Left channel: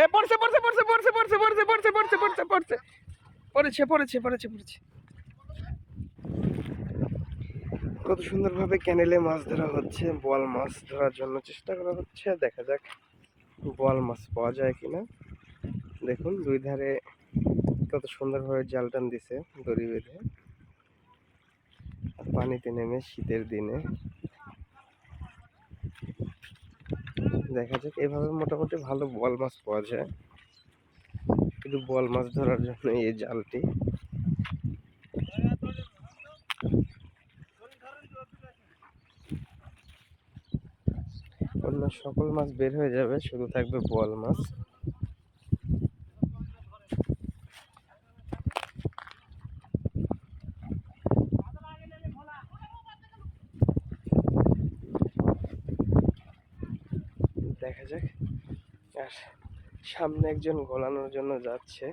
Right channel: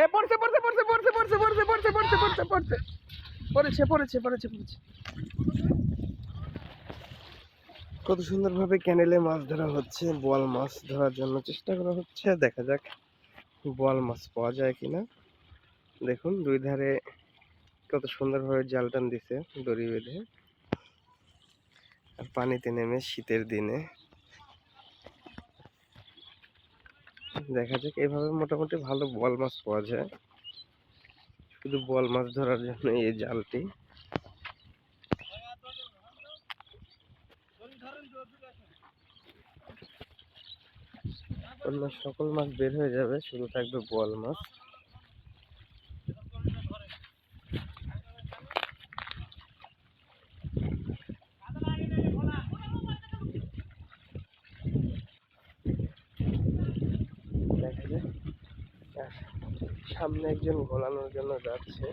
এ, পড়ছে পড়ছে পড়ছে পড়ছে পড়ছে পড়ছে পড়ছে পড়ছে পড়ছে পড়ছে। পড়েছে পড়েছে পড়েছে পড়েছে। কত সুন্দরভাবে ক্যানেলে মাছ ধরা হচ্ছে বোয়াল মাছ ধরার জন্য চেষ্টা করা হচ্ছে। দেখা যাক বোয়াল মাছ পাওয়া যায় কিনা। দেখুন, দুই ধারে কত সুন্দরভাবে জাল টান দিছে দড়ি বেঁধে। পানিতে নেমে শীতের দিনে দেখা যাক। এভাবে মোটামুটি ভালো বোয়াল মাছ পাওয়া যায়। কিন্তু বোয়াল মাছ ধরার জন্য এই জালটি। অন্য সকল মাছ বের হয়ে যাবে, শুধু থাকবে বোয়াল মাছ। দেখা যাক। আর সামনে একজন গোলানোর জন্য যাচ্ছে,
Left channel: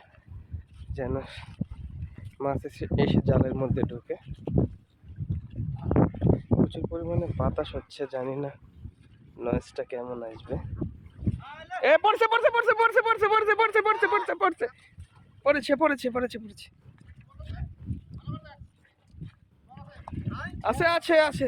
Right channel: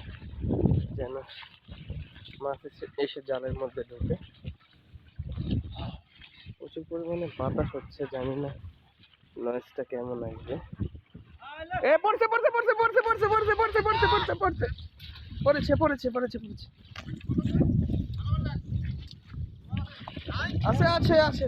যেন মাছ এসে এসে জালের মধ্যে ঢুকে। প্রচুর পরিমাণে বাতাস হচ্ছে, জানি না নয়েজটা কেমন আসবে। এ পড়ছে পড়ছে পড়ছে পড়ছে পড়ছে পড়ছে পড়ছে। পড়েছে পড়েছে পড়েছে পড়েছে। আছে আছে আছে।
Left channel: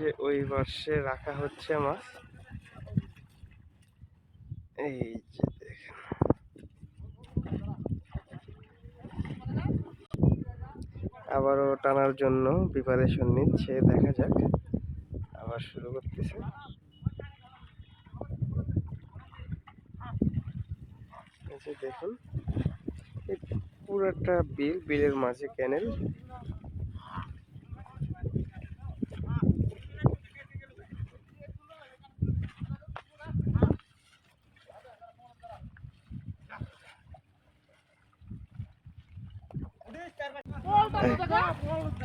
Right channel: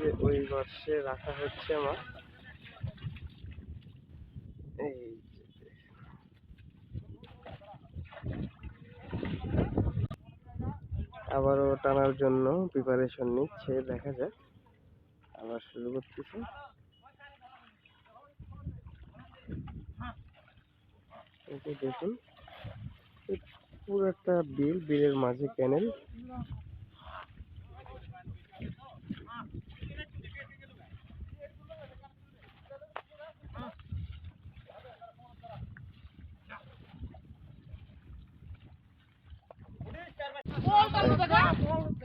যে ওই পাশে রাখা হচ্ছে মাছ এই যে দেখেন। আবারও টানার জন্য প্রিপারেশন নিচ্ছে, দেখা যাক। আবার শুরু করতেছে। দেখুন, এই পুরোটা বিল, বিলের মাঝে ক্যানেল।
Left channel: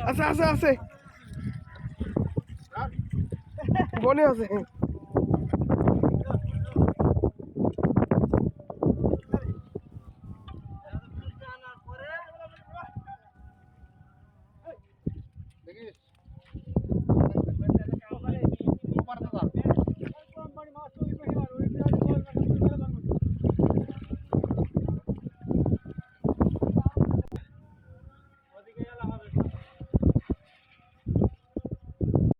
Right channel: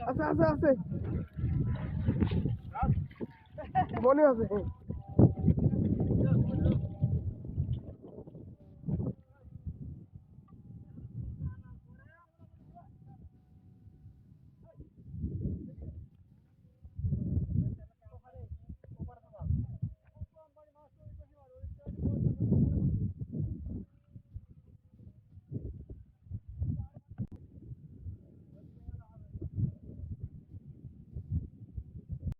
আছে আছে আছে। বলি আছে।